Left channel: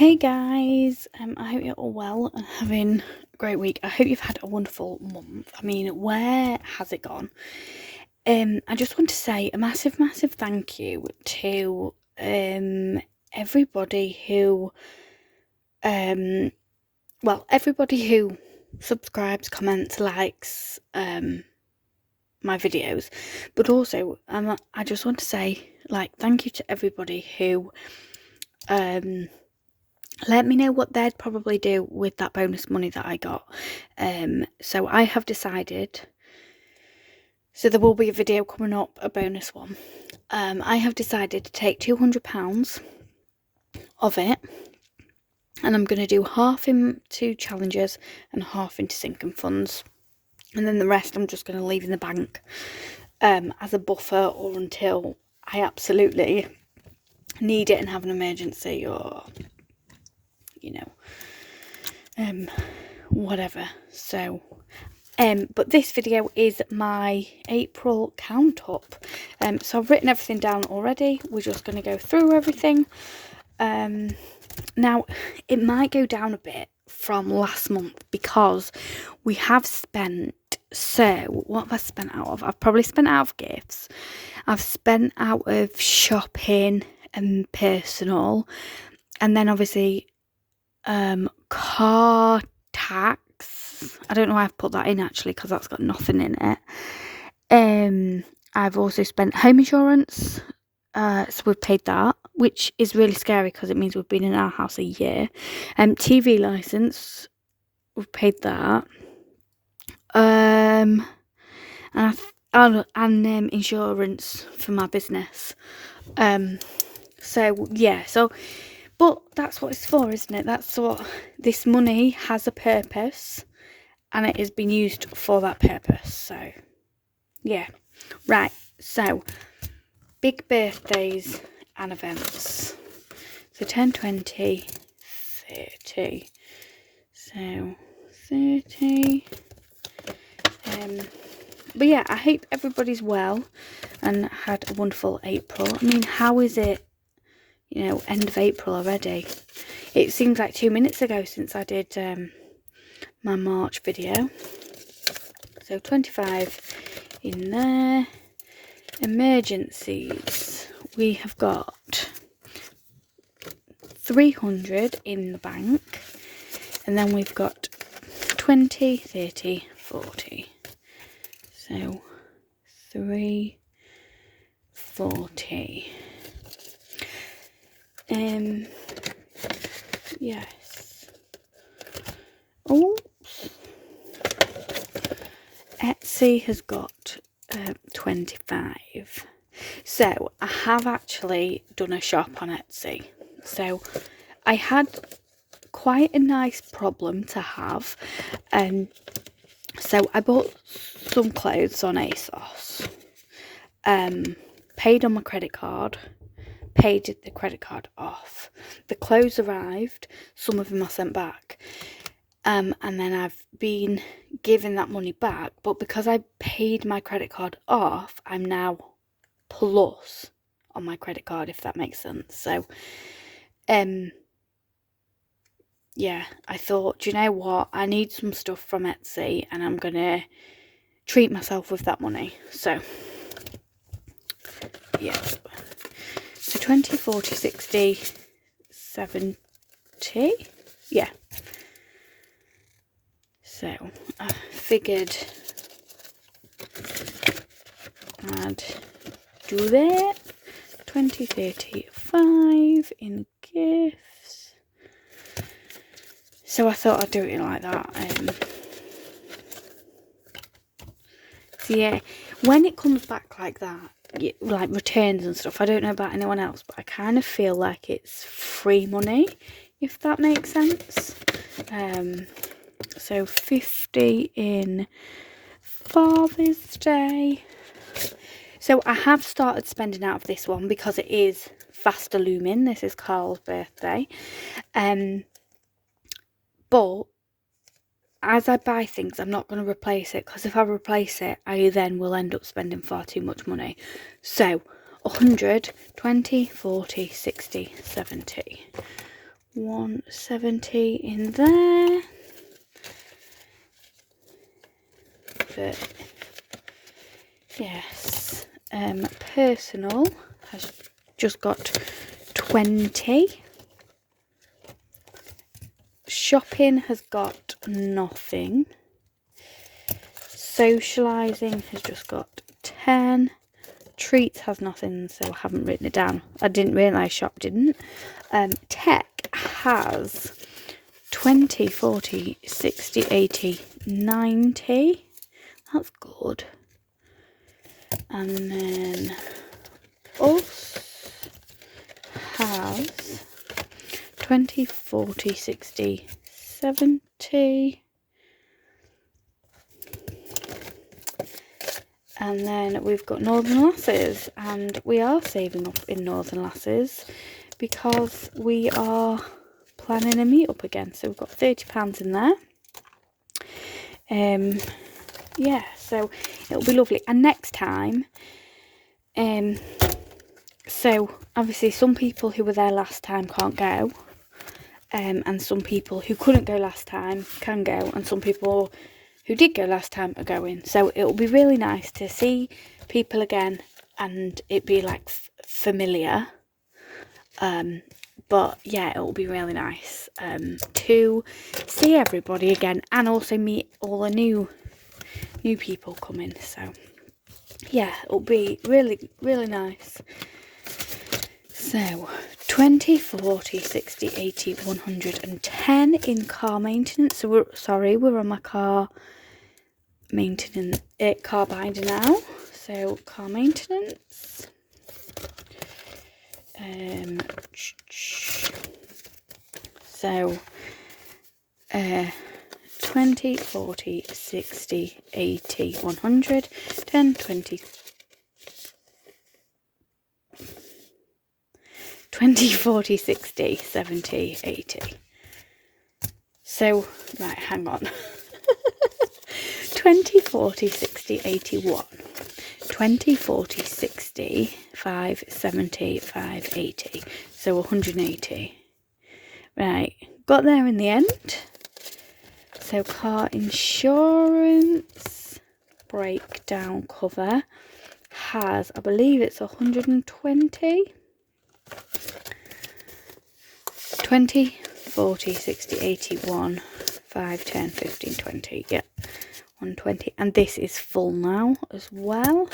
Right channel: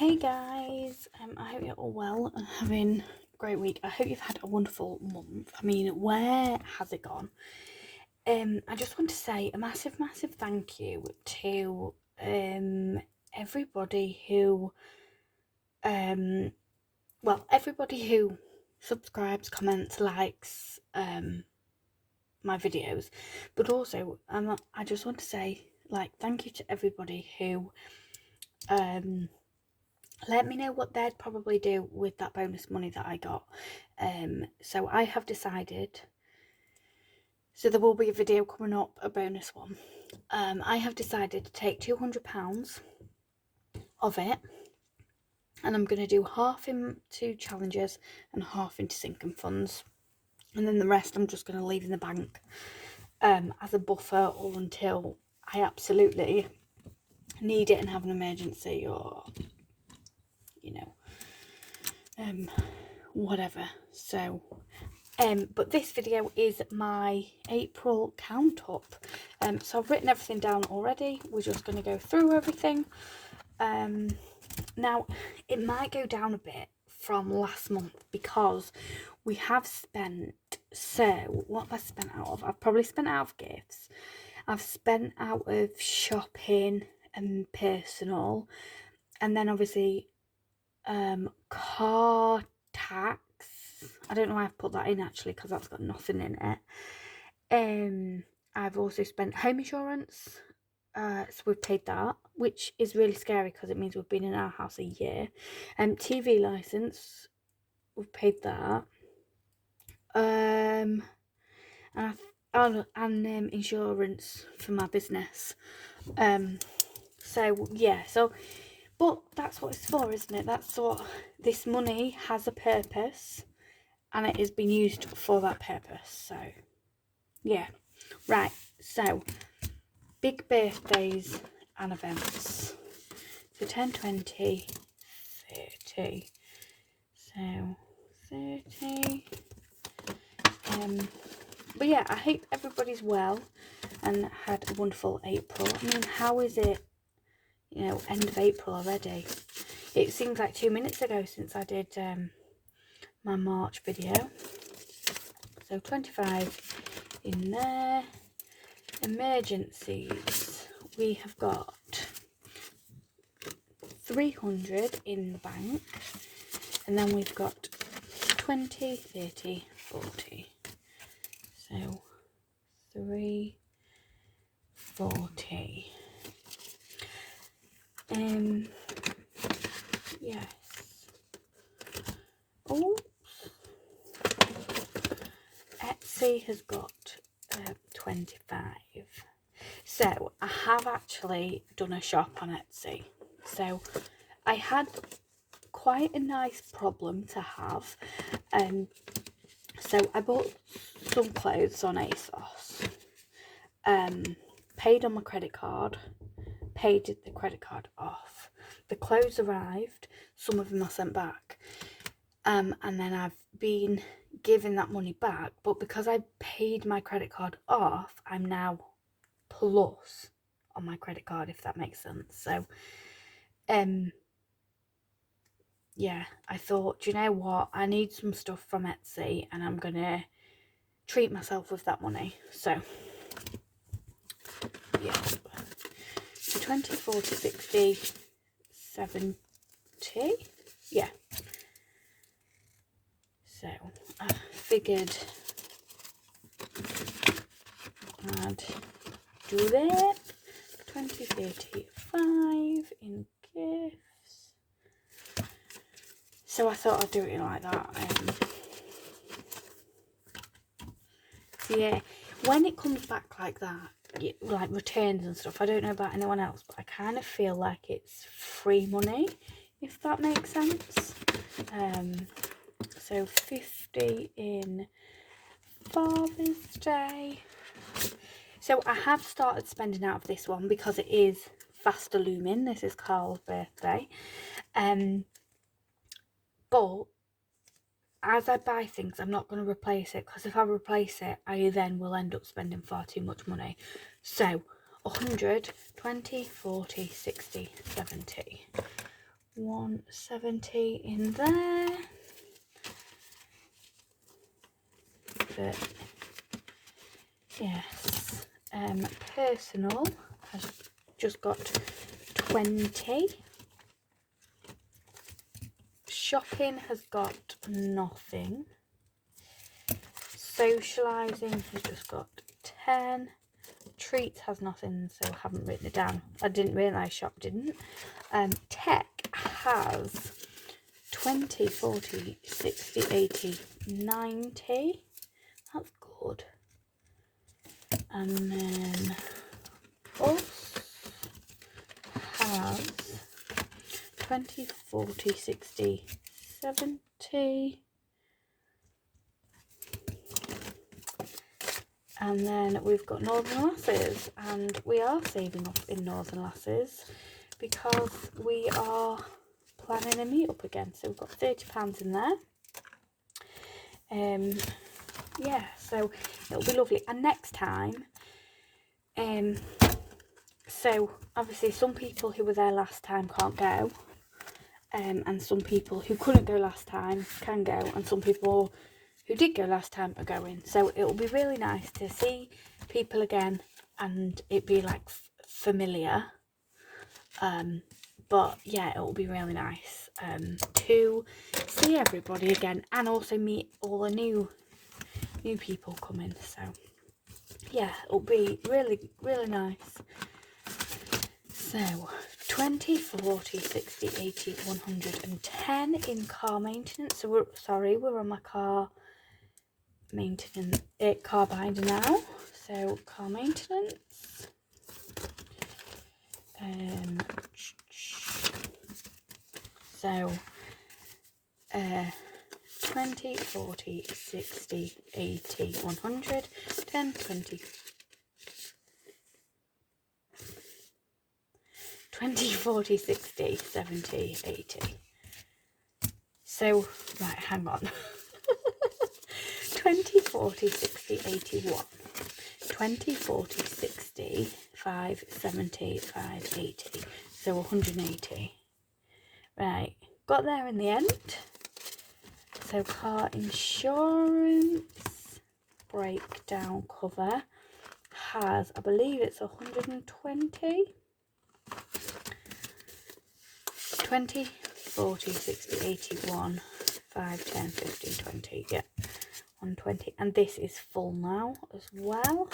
Hey guys, I hope you're all well and having a great week. I hope you've had a wonderful month. I mean, where has it gone? I just want to say a massive, massive thank you to everybody who everybody who subscribes, comments, likes my videos, but also I just want to say thank you to everybody who let me know what they'd probably do with that bonus money that I got. So I have decided, so there will be a video coming up, a bonus one. I have decided to take £200 of it, and I'm going to do half into challenges and half into sinking funds. And then the rest I'm just going to leave in the bank as a buffer, or until I absolutely need it and have an emergency, or whatever. So but this video is my April count up. So I've written everything down already. We're just going to go through everything. Now it might go down a bit from last month because we have spent, so what have I spent out of? I've probably spent out of gifts, I've spent out of shopping and personal, and then obviously car tax. I don't know why I've put that in actually, because that's got nothing in it. I've also spent home insurance, so we've paid that, which is really scary because it means we've been in our house a year. TV license, we've paid that. And insurance for my business. So yeah, but that's what it's for, isn't it? That's what this money has, a purpose, and it has been used for that purpose. So yeah, right. So big birthdays and events. So 10, 20, 30. So 30. But yeah, I hope everybody's well and had a wonderful April. I mean, how is it, end of April already? It seems like 2 minutes ago since I did my March video. So 25 in there. Emergencies, we have got 300 in the bank, and then we've got 20, 30, 40. So 340. Yes. Oops. Etsy has got 25. So I have actually done a shop on Etsy. So I had quite a nice problem to have. So I bought some clothes on ASOS. Paid on my credit card. Paid the credit card off. The clothes arrived. Some of them I sent back. And then I've been given that money back. But because I paid my credit card off, I'm now plus on my credit card, if that makes sense. So yeah, I thought, do you know what, I need some stuff from Etsy and I'm gonna treat myself with that money. So yeah, so 20, 40, 60, 70, yeah. So I figured I'd do that. 20, 30, 5 in gifts. So I thought I'd do it like that. So yeah, when it comes back like that, like returns and stuff, I don't know about anyone else, but I kind of feel like it's free money, if that makes sense. So 50 in Father's Day. So I have started spending out of this one because it is fast looming. This is Carl's birthday. But as I buy things, I'm not going to replace it, because if I replace it, I then will end up spending far too much money. So 100, 20, 40, 60, 70. 170 in there. But yes, personal has just got 20. Shopping has got nothing. Socialising has just got 10. Treats has nothing, so I haven't written it down. I didn't realise shop didn't. Tech has 20, 40, 60, 80, 90. That's good. And then us has 20, 40, 60, 70. And then we've got Northern Lasses, and we are saving up in Northern Lasses because we are planning a meet up again. So we've got £30 in there. Yeah, so it'll be lovely. And next time, so obviously some people who were there last time can't go, and some people who couldn't go last time can go, and some people who did go last time are going. So it'll be really nice to see people again and it be like familiar. But yeah, it'll be really nice to see everybody again, and also meet all the new people coming. So yeah, it'll be really, really nice. So 20, 40, 60, 80, 110 in car maintenance. So we're on my car maintenance, car binder now. So car maintenance. 20, 40, 60, 80, 100, 10, 20, 40, 60, 70, 80. So, right, hang on. 20, 40, 60, 81. 20, 40, 60, 5, 70, 5, 80. So 180. Right, got there in the end. So car insurance breakdown cover has, I believe it's 120. 20, 40, 60, 81, 5, 10, 15, 20. Yep, 120. And this is full now as well.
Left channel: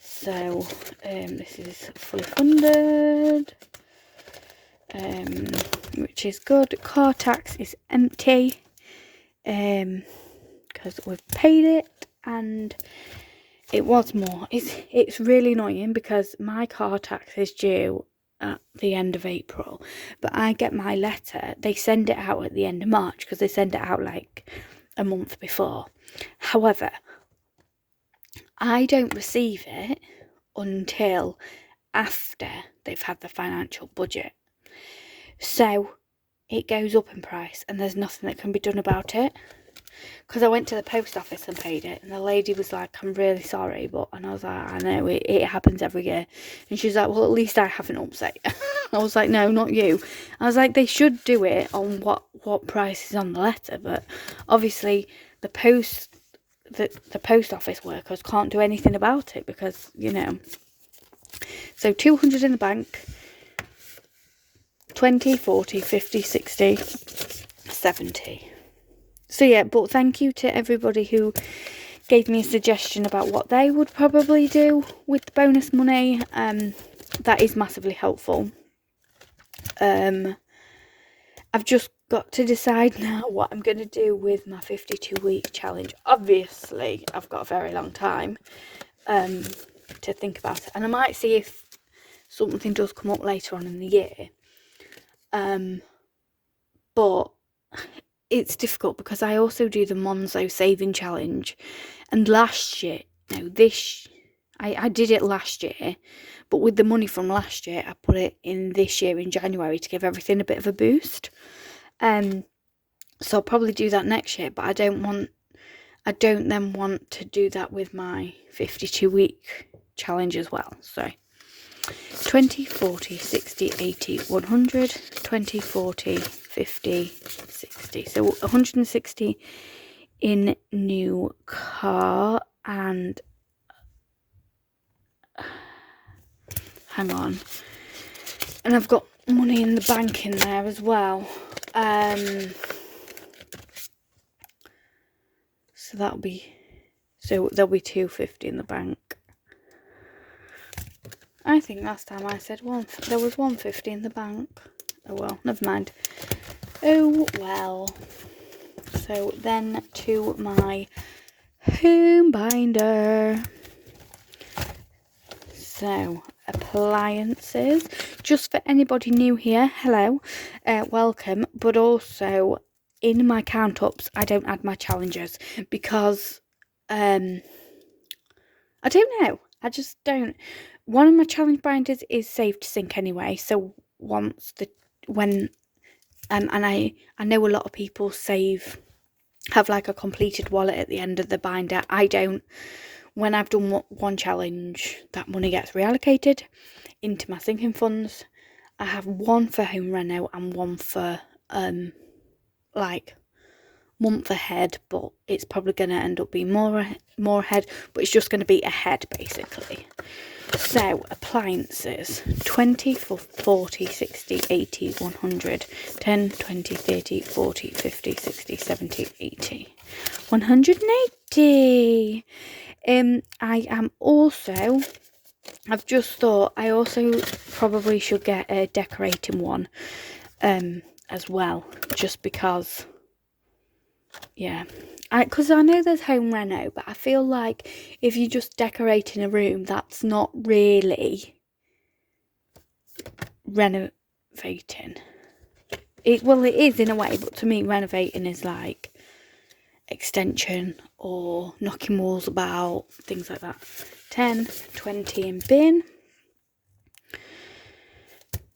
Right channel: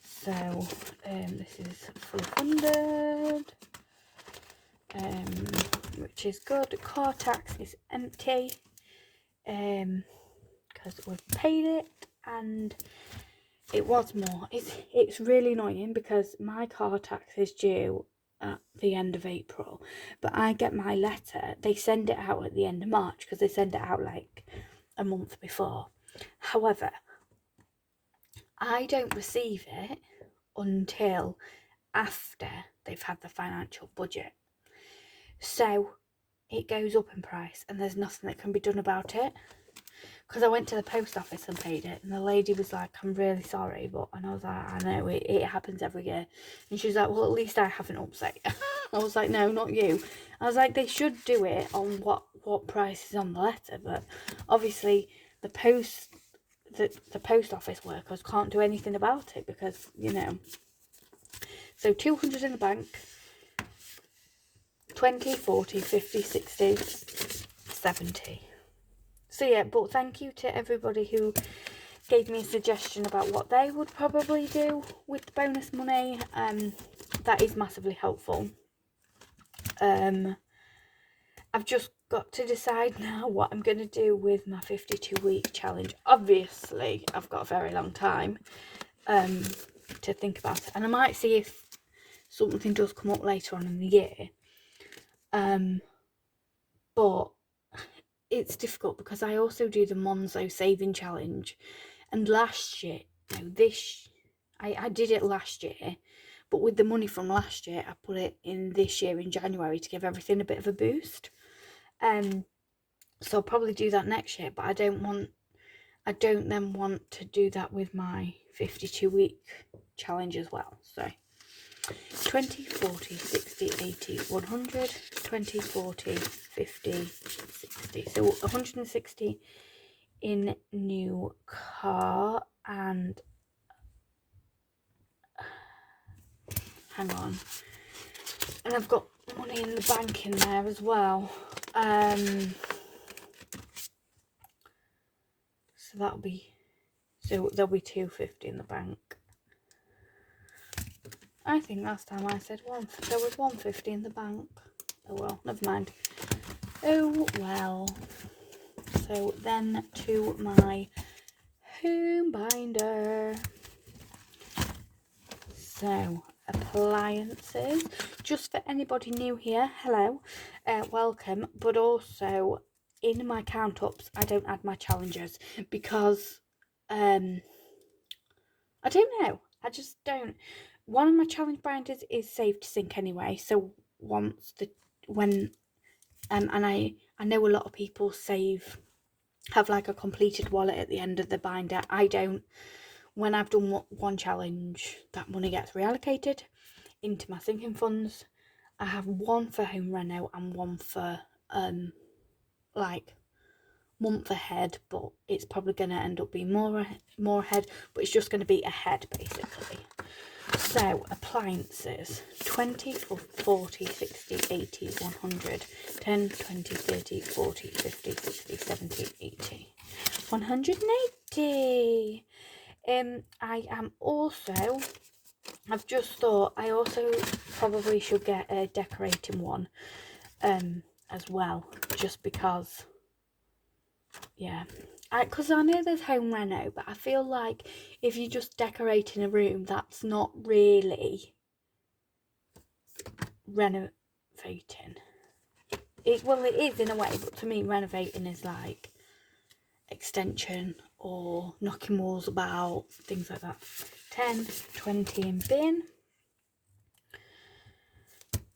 So this is fully funded, which is good. Car tax is empty because we've paid it, and it was more. It's really annoying because my car tax is due at the end of April, but I get my letter, they send it out at the end of March because they send it out like a month before. However, I don't receive it until after they've had the financial budget, so it goes up in price and there's nothing that can be done about it. Because I went to the post office and paid it, and the lady was like, I'm really sorry, but, and I was like, I know, it happens every year. And she was like, well, at least I haven't upset you. I was like, no, not you. I was like, they should do it on what price is on the letter, but obviously the post office workers can't do anything about it because, you know. So 200 in the bank, 20, 40, 50, 60, 70. So yeah, but thank you to everybody who gave me a suggestion about what they would probably do with the bonus money. That is massively helpful. I've just got to decide now what I'm going to do with my 52-week challenge. Obviously, I've got a very long time to think about it, and I might see if something does come up later on in the year. But it's difficult because I also do the Monzo saving challenge, and last year, no, I did it last year, but with the money from last year, I put it in this year in January to give everything a bit of a boost. So I'll probably do that next year, but I don't then want to do that with my 52-week challenge as well. So 20, 40, 60, 80, 100, 20, 40, 50, 60. So 160 in new car, and hang on, and I've got money in the bank in there as well. So there'll be 250 in the bank. I think last time I said there was 150 in the bank. Oh well, never mind. Oh well. So then to my home binder. So appliances. Just for anybody new here, hello, welcome. But also in my count ups, I don't add my challenges because I don't know. I just don't. One of my challenge binders is saved to sync anyway. So and I know a lot of people have like a completed wallet at the end of the binder. I don't. When I've done one challenge, that money gets reallocated into my sinking funds. I have one for home reno and one for like month ahead, but it's probably going to end up being more ahead, but it's just going to be ahead basically. So appliances: 20, 40, 60, 80, 100, 10, 20, 30, 40, 50, 60, 70, 80, 180. I've just thought I also probably should get a decorating one as well, just because, yeah, because I know there's home reno, but I feel like if you're just decorating a room, that's not really renovating. It is in a way, but to me renovating is like extension or knocking walls about, things like that. 10, 20 in bin.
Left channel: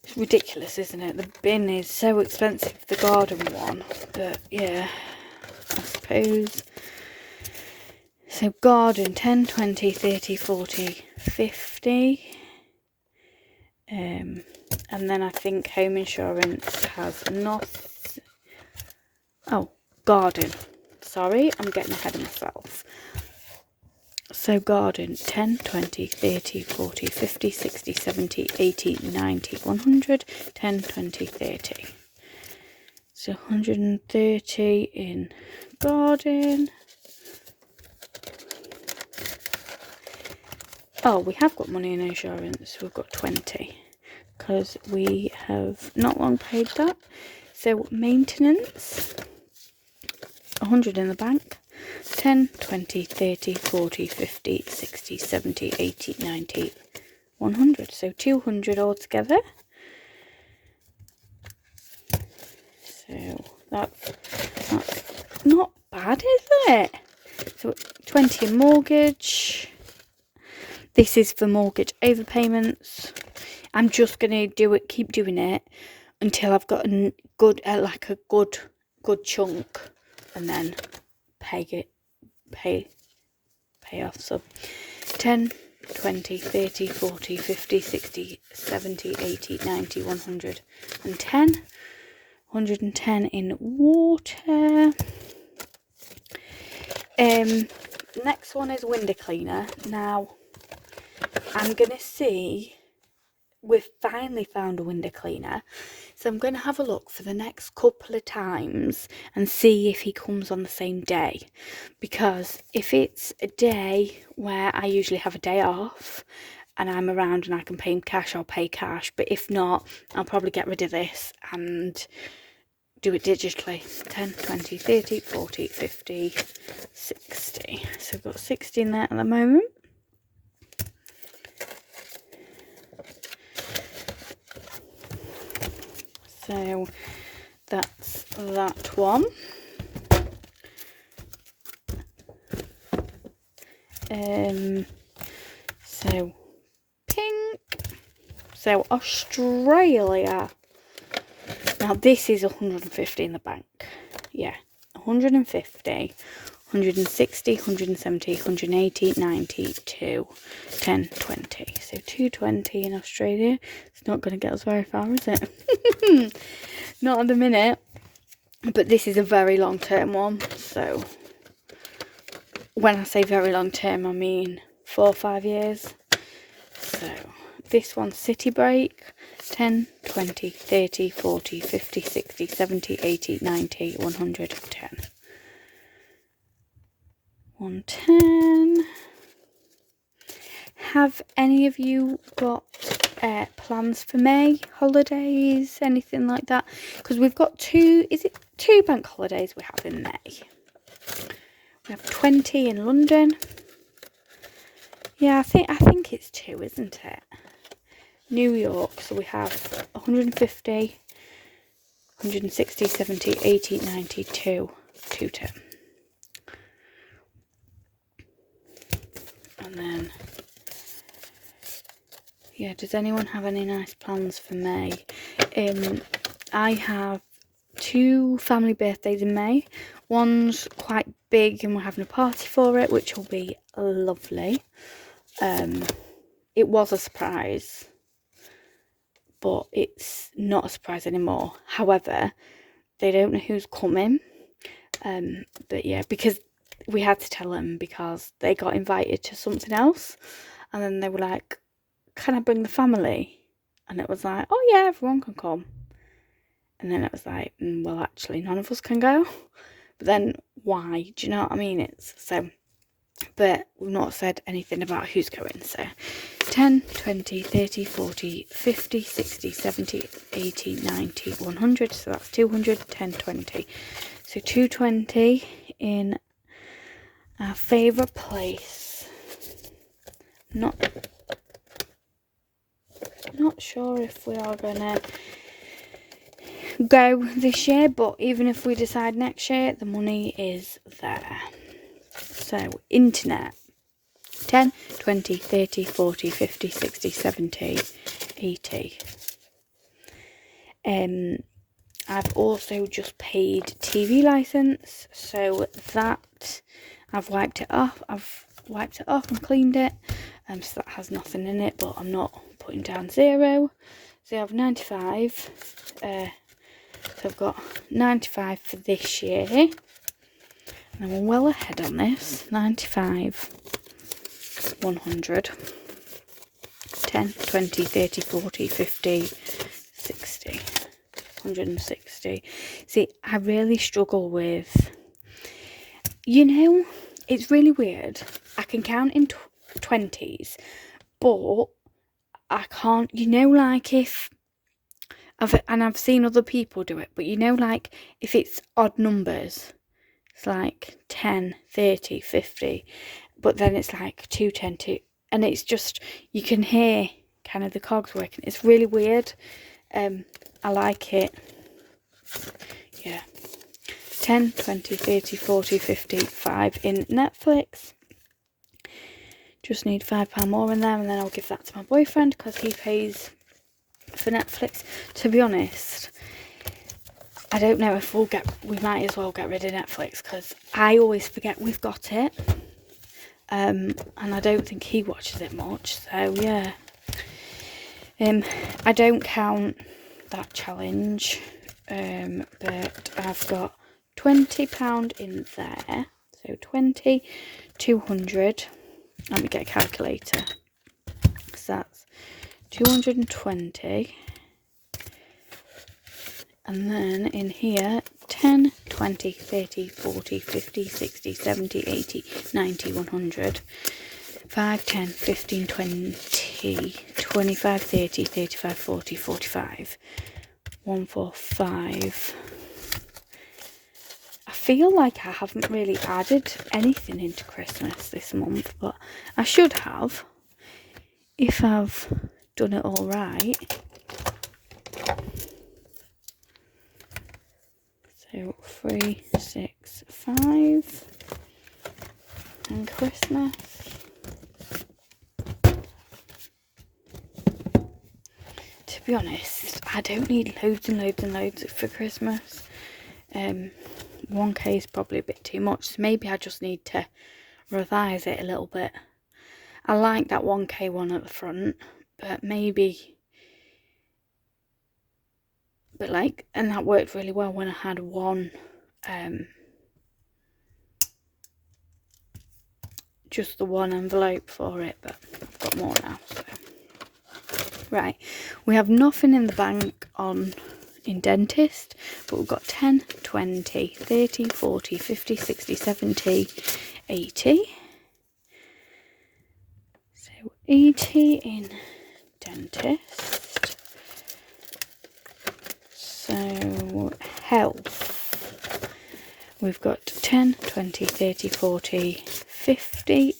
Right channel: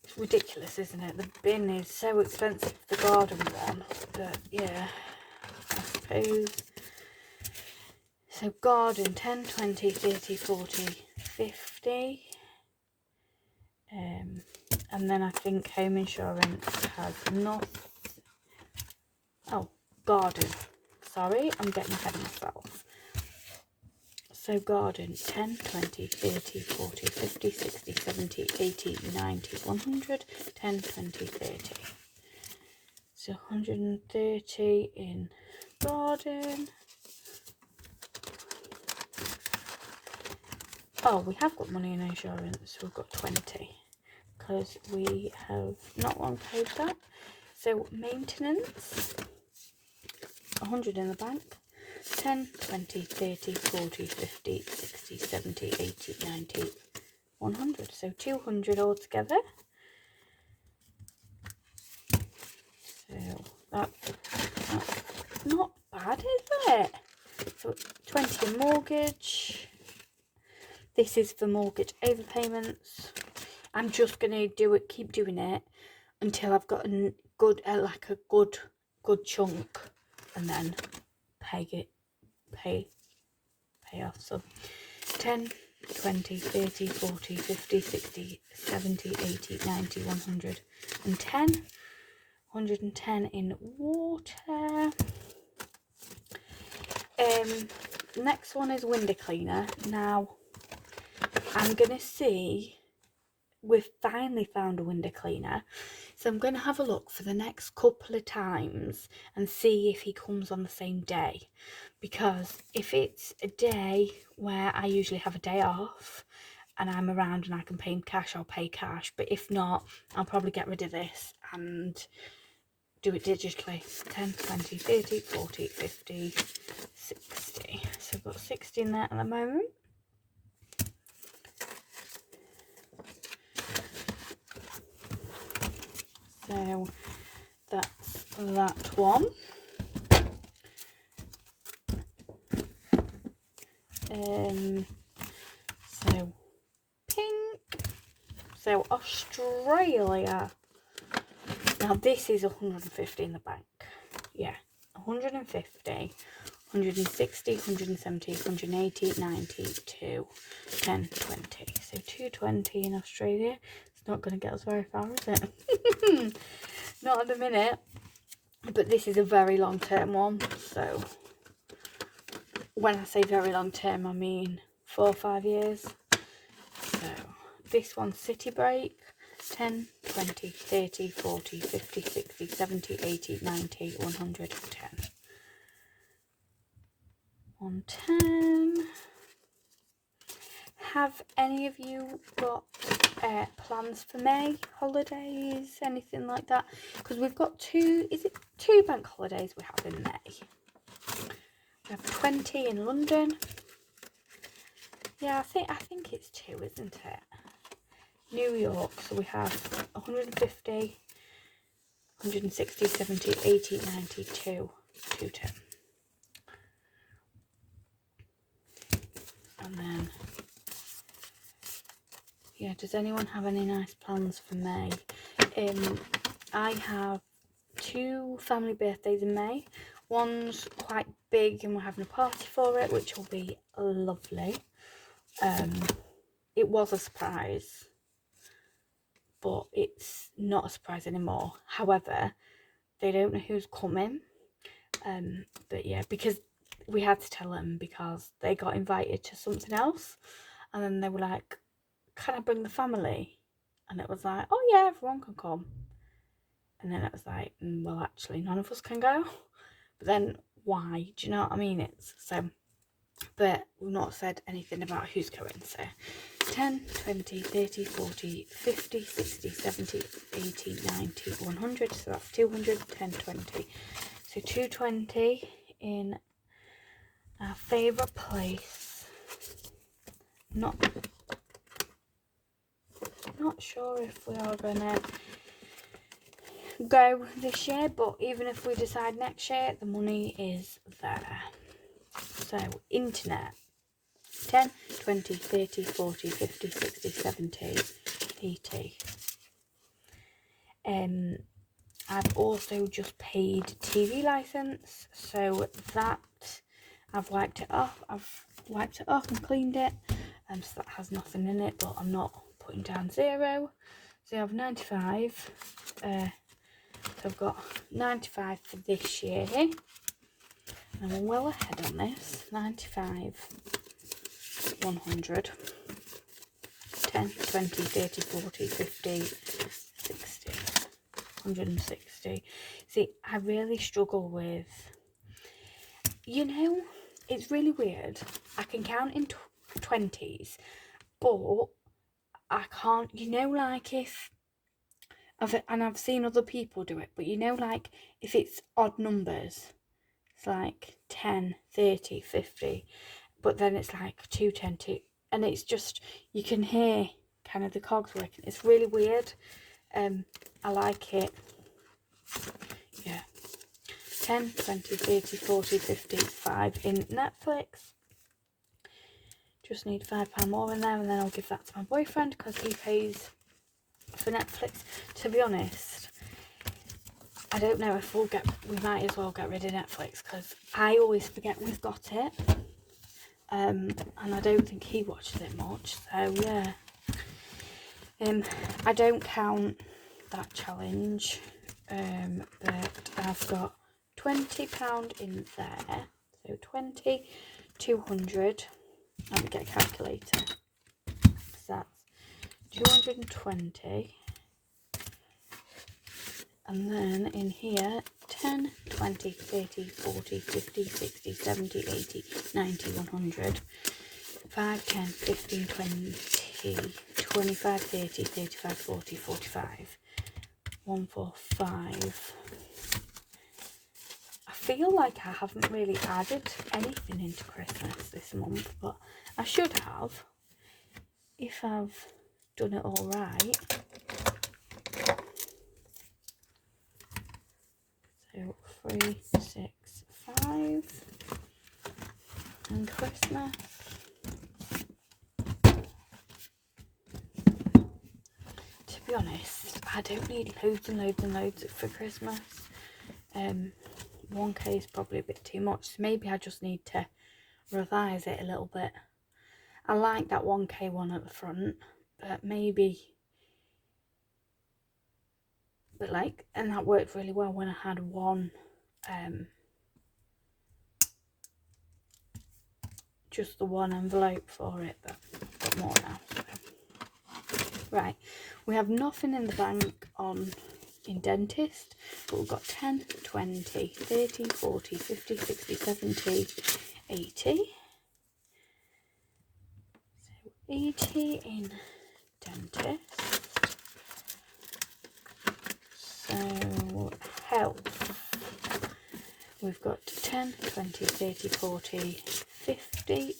It's ridiculous, isn't it? The bin is so expensive, the garden one, but yeah, I suppose. So garden: 10, 20, 30, 40, 50. And then I think home insurance has not. Oh, garden. Sorry, I'm getting ahead of myself. So garden: 10, 20, 30, 40, 50, 60, 70, 80, 90, 100, 10, 20, 30. So 130 in garden. Oh, we have got money in insurance. We've got 20 because we have not long paid that. So maintenance: 100 in the bank. 10, 20, 30, 40, 50, 60, 70, 80, 90, 100. So 200 altogether. So that's not bad, is it? So 20 in mortgage. This is for mortgage overpayments. I'm just going to keep doing it until I've got a good chunk, and then pay off. So 10, 20, 30, 40, 50, 60, 70, 80, 90, 110. 110 in water. Next one is window cleaner. Now, I'm going to see, we've finally found a window cleaner, so I'm going to have a look for the next couple of times and see if he comes on the same day, because if it's a day where I usually have a day off and I'm around and I can pay him cash, I'll pay cash, but if not, I'll probably get rid of this and do it digitally. 10, 20, 30, 40, 50, 60. So I've got 60 in there at the moment. So that's that one. So pink. So Australia. Now this is 150 in the bank. Yeah, 150. 160, 170, 180, 92, 10, 20. So 220 in Australia. It's not going to get us very far, is it? Not at the minute. But this is a very long term one. So when I say very long term, I mean 4 or 5 years. So this one's City Break. 10, 20, 30, 40, 50, 60, 70, 80, 90, 110. 110. Have any of you got plans for May? Holidays? Anything like that? Because we've got two bank holidays we have in May? We have 20 in London. Yeah, I think it's 2, isn't it? New York, so we have 150, 160, 70, 80, 92, 210. And then, yeah, does anyone have any nice plans for May? I have 2 family birthdays in May. One's quite big and we're having a party for it, which will be lovely. It was a surprise, but it's not a surprise anymore. However, they don't know who's coming. But yeah, because we had to tell them because they got invited to something else. And then they were like, can I bring the family? And it was like, oh yeah, everyone can come. And then it was like, well, actually, none of us can go. But then why? Do you know what I mean? It's so, but we've not said anything about who's going. So 10, 20, 30, 40, 50, 60, 70, 80, 90, 100. So that's 200, 10, 20. So 220 in our favourite place. Not sure if we are gonna go this year, but even if we decide next year, the money is there. So internet, 10, 20, 30, 40, 50, 60, 70, 80. I've also just paid TV license, so that I've wiped it off and cleaned it, so that has nothing in it, but I'm not putting down 0. So I have 95, so I've got 95 for this year, and I'm well ahead on this. 95, 100, 10, 20, 30, 40, 50, 60, 160. See, I really struggle with, it's really weird. I can count in 20s, but I can't, like if, I've seen other people do it, but like if it's odd numbers, it's like 10, 30, 50, but then it's like 2, 10, 2, and it's just, you can hear kind of the cogs working. It's really weird. I like it. Yeah. 10, 20, 30, 40, 50, 5 in Netflix. Just need £5 more in there, and then I'll give that to my boyfriend because he pays for Netflix. To be honest, I don't know if we might as well get rid of Netflix because I always forget we've got it. And I don't think he watches it much, so yeah. I don't count that challenge, but I've got £20 in there. So 20, 200. Let me get a calculator. So that's 220. And then in here, 10, 20, 30, 40, 50, 60, 70, 80, 90, 100. 5, 10, 15, 20, 25, 30, 35, 40, 45. 145. I feel like I haven't really added anything into Christmas this month, but I should have if I've done it all right. So 3, 6, 5 and Christmas. To be honest, I don't need loads and loads and loads for Christmas. 1k is probably a bit too much, so maybe I just need to revise it a little bit. I like that 1k one at the front, but maybe, and that worked really well when I had one, just the one envelope for it, but I've got more now. So. Right, we have nothing in the bank in dentist, but we've got 10, 20, 30, 40, 50, 60, 70, 80. So 80 in dentist. So health, we've got 10, 20, 30, 40, 50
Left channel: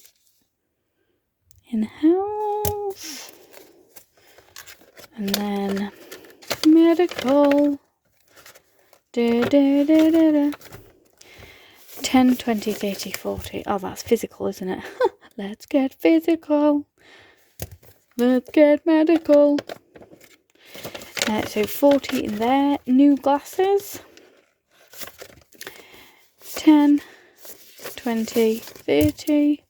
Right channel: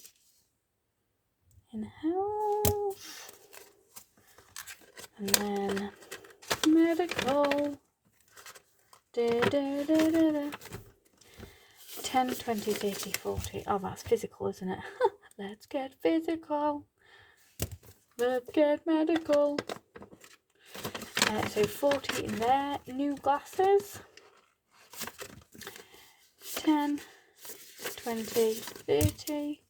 in health. And then medical, 10, 20, 30, 40. Oh, that's physical, isn't it? Let's get physical. Let's get medical. So 40 in there. New glasses. 10, 20, 30.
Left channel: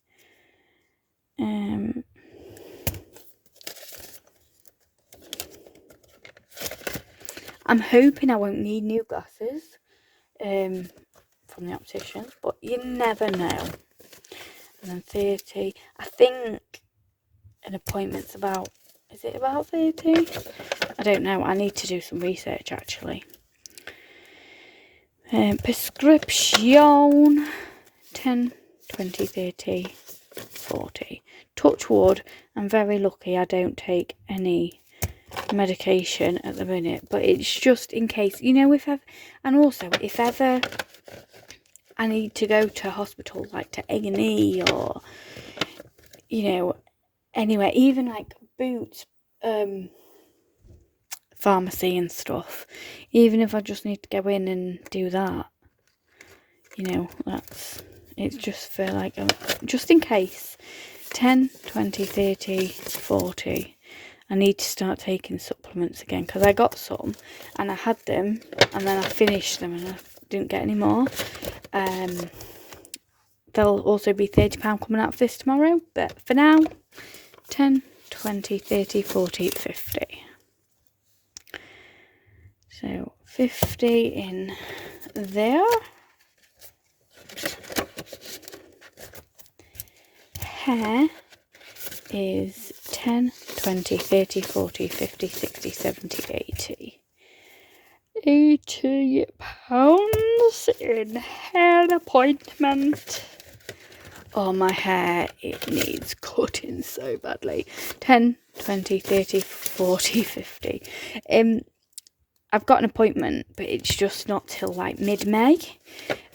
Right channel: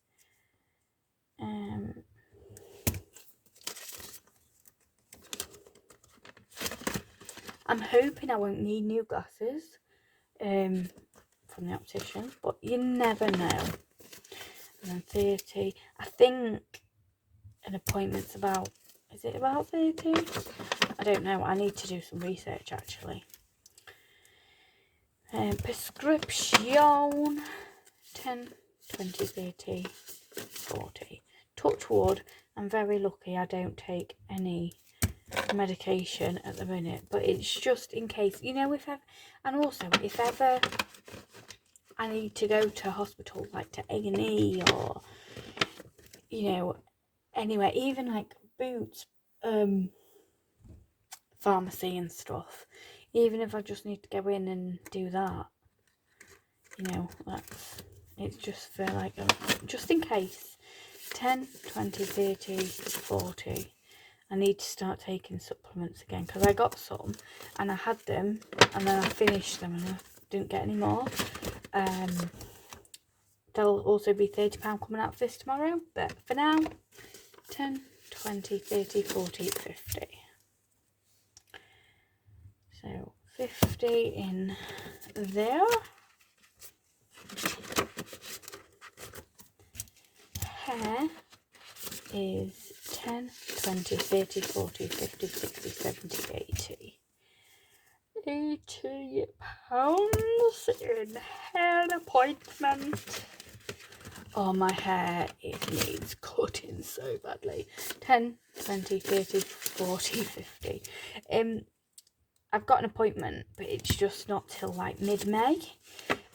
I'm hoping I won't need new glasses from the optician, but you never know. And then 30. I think an appointment's about, is it about 30? I don't know. I need to do some research actually. Prescription, 10, 20, 30, 40. Touch wood, I'm very lucky I don't take any medication at the minute, but it's just in case, you know, if ever I need to go to hospital, like to A&E or, you know, anywhere, even like Boots, pharmacy and stuff, even if I just need to go in and do that, you know, it's just for like, just in case. 10, 20, 30, 40. I need to start taking supplements again, because I got some and I had them and then I finished them and I didn't get any more. There'll also be £30 coming out of this tomorrow, but for now, 10, 20, 30, 40, 50. So 50 in there. Hair is 10, 20, 30, 40, 50, 60, 70, 80. £80 in hair appointment. Oh, my hair, it needs cutting so badly. 10, 20, 30, 40, 50. I've got an appointment, but it's just not till like mid-May.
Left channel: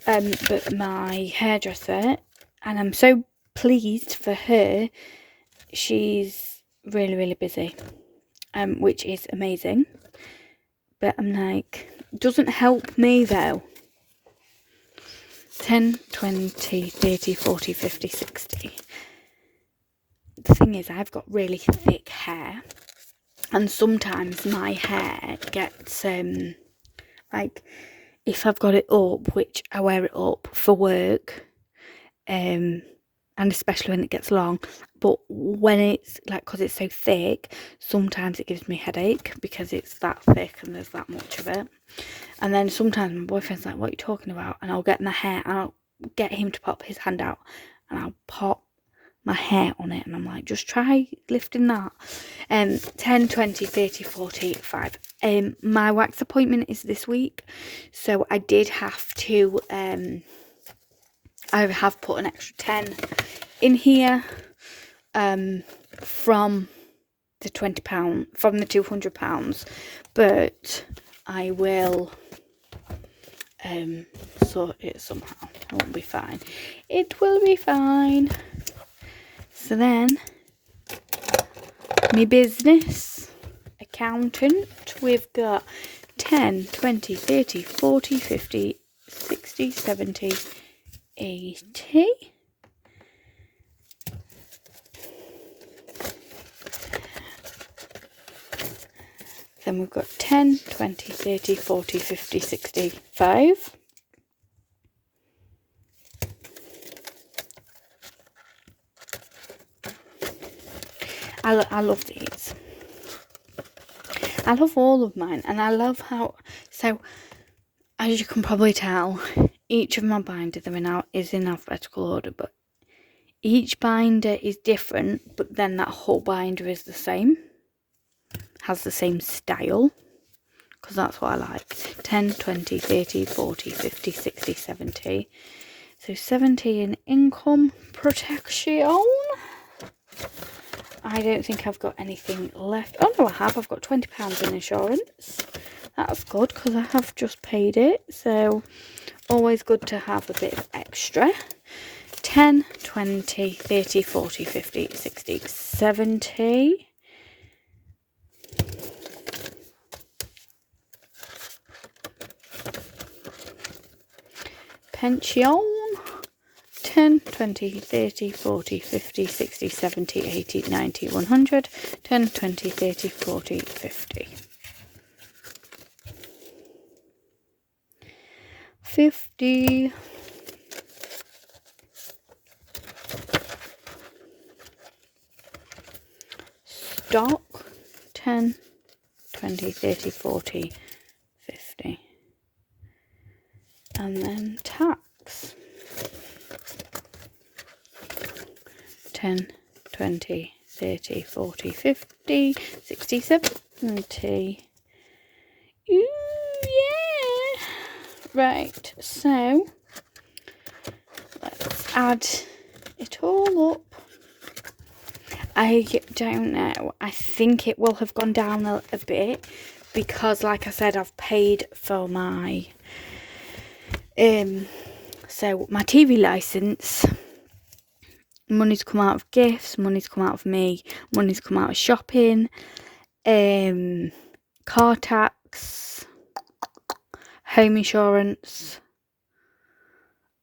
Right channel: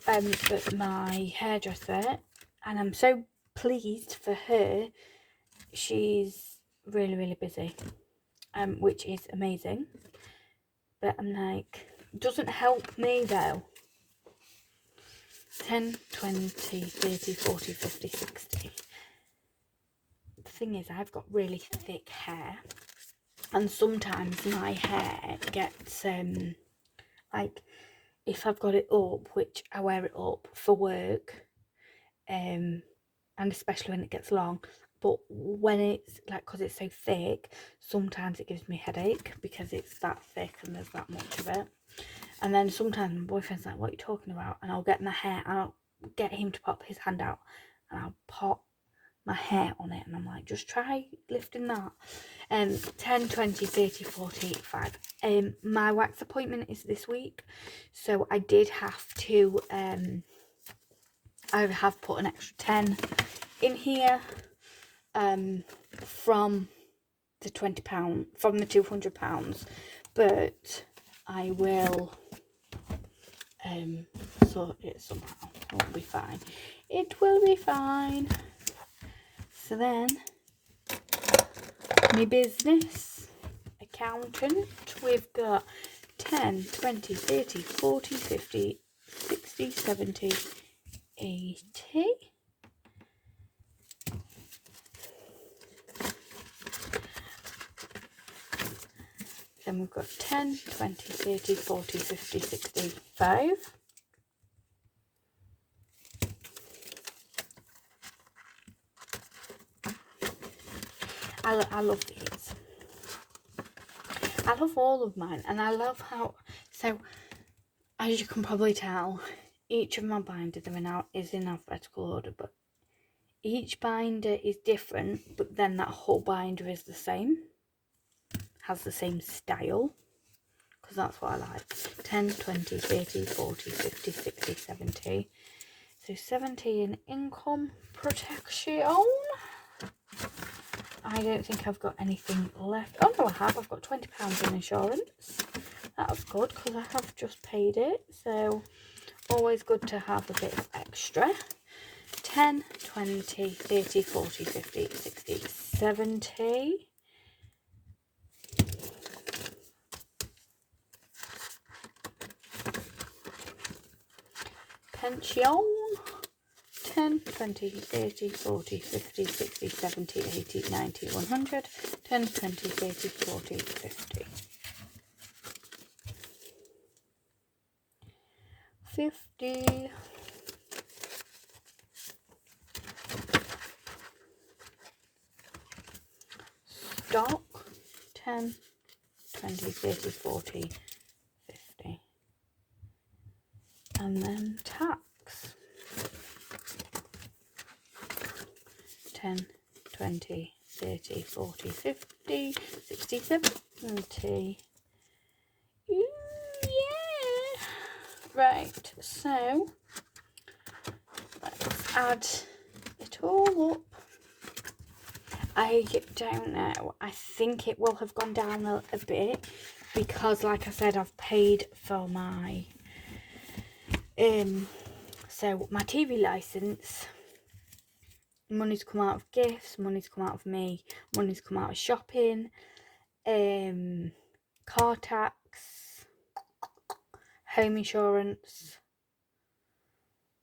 But my hairdresser, and I'm so pleased for her, she's really, really busy, which is amazing. But I'm like, doesn't help me though. 10, 20, 30, 40, 50, 60. The thing is, I've got really thick hair, and sometimes my hair gets, like, if I've got it up, which I wear it up for work, and especially when it gets long, but when it's like, because it's so thick, sometimes it gives me a headache because it's that thick and there's that much of it. And then sometimes my boyfriend's like, what are you talking about? And I'll get my hair and I'll get him to pop his hand out and I'll pop my hair on it, and I'm like, just try lifting that. 10, 20, 30, 40, 5. My wax appointment is this week, so I did have to, I have put an extra 10 in here, from the £20, from the £200, but I will sort it somehow. It will be fine. It will be fine. So then, my business accountant, we've got 10, 20, 30, 40, 50, 60, 70, 80. Then we've got 10, 20, 30, 40, 50, 65. I love these. I love all of mine, and I love how, so as you can probably tell, each of my binders is in alphabetical order, but each binder is different, but then that whole binder is the same, has the same style, because that's what I like. 10, 20, 30, 40, 50, 60, 70. So 70 in income protection. I don't think I've got anything left. Oh no, I have. I've got £20 in insurance. That's good because I have just paid it. So always good to have a bit of extra. 10, 20, 30, 40, 50, 60, 70. Pension. 10, 20, 30, 40, 50, 60, 70, 80, 90, 100. 10, 20, 30, 40, 50. 50. Stock. 10, 20, 30, 40, 50. And then tax. 10, 20, 30, 40, 50, 60, 70. Ooh, yeah. Right, so let's add it all up. I don't know. I think it will have gone down a bit because, like I said, I've paid for my so my TV license. Money's come out of gifts, money's come out of me, money's come out of shopping, car tax, home insurance,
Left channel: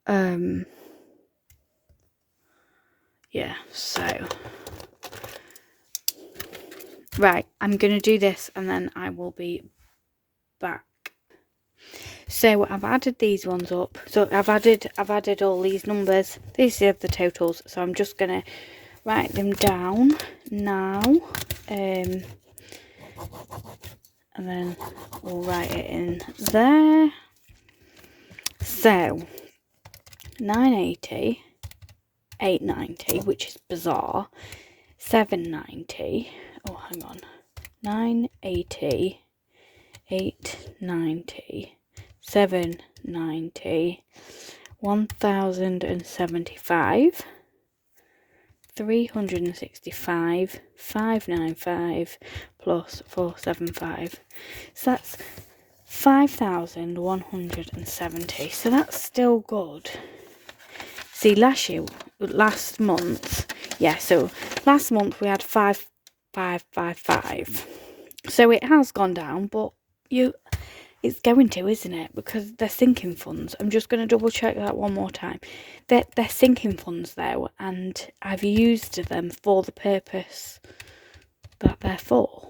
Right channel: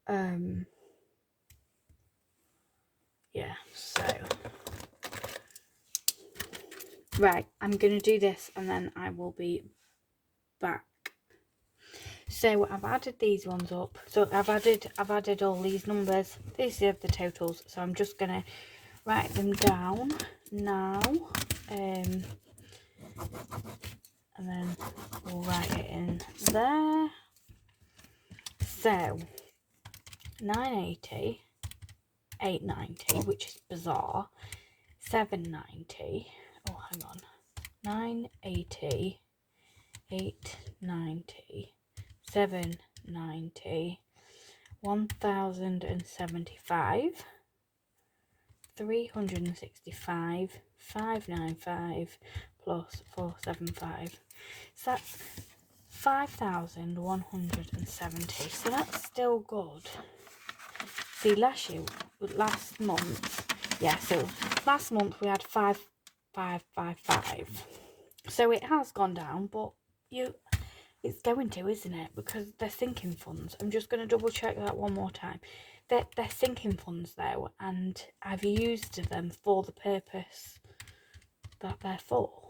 yeah, so right, I'm gonna do this and then I will be back. So I've added these ones up. So I've added all these numbers. These are the totals. So I'm just gonna write them down now. And then we'll write it in there. So 980, 890, which is bizarre. 790. Oh, hang on. 980, 890. 790, 1075, 365, 595 plus 475. So that's 5,170. So that's still good. See, last month, yeah, so last month we had 5,555. So it has gone down, but it's going to, isn't it? Because they're sinking funds. I'm just going to double check that one more time. They're sinking funds though, and I've used them for the purpose that they're for.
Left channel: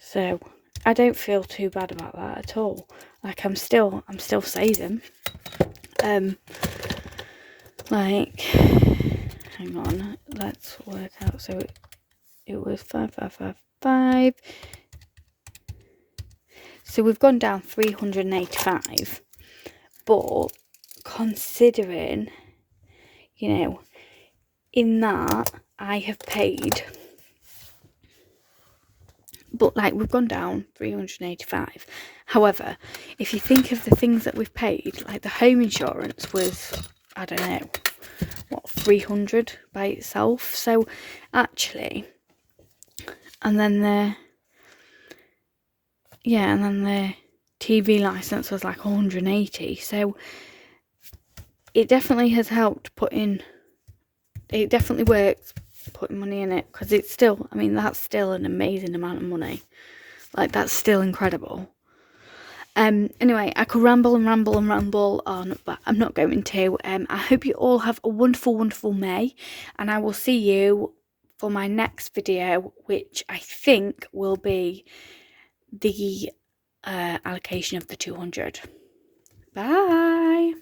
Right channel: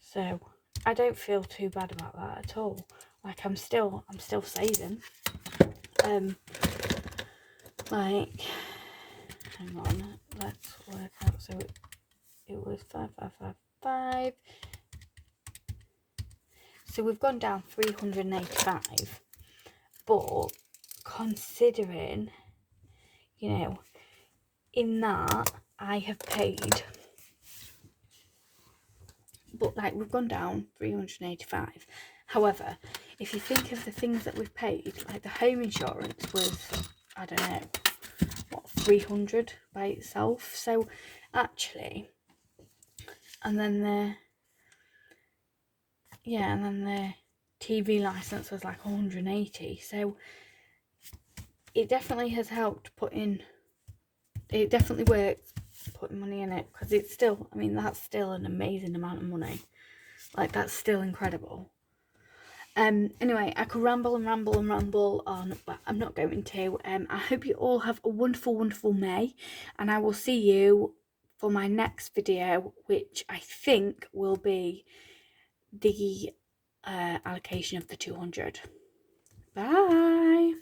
So I don't feel too bad about that at all. Like I'm still saving. Like, hang on, let's work out. So it was 5,555. So we've gone down 385, but considering, you know, in that I have paid, but like we've gone down 385. However, if you think of the things that we've paid, like the home insurance was, I don't know, what, 300 by itself. So actually, and then the TV license was like 180. So it definitely has helped it definitely works putting money in it, because it's still, I mean, that's still an amazing amount of money. Like, that's still incredible. Anyway, I could ramble on, but I'm not going to. I hope you all have a wonderful, wonderful May, and I will see you for my next video, which I think will be the allocation of the 200. Bye.